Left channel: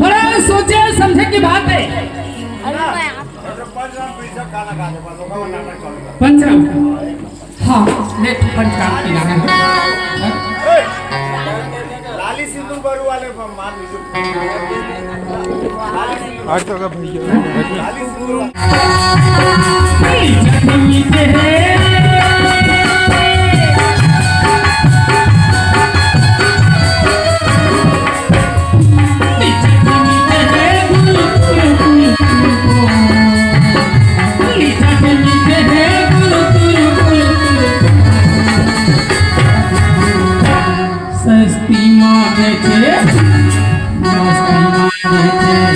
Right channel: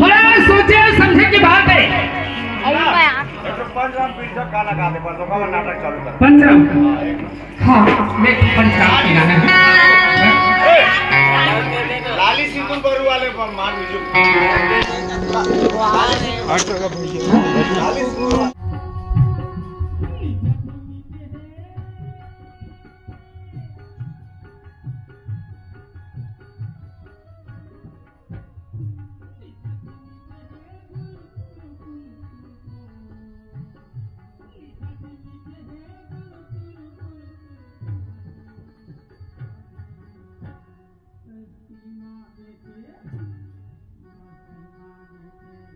बड़ा सोचे समझे की बात है। पंचम, हाँ ये पंचम की गाना है। लाली सिंदूर बरू वाले मान लीजिए लाली सिंदूर सस्ती माँ बेचे, मस्ती माँ बेचे।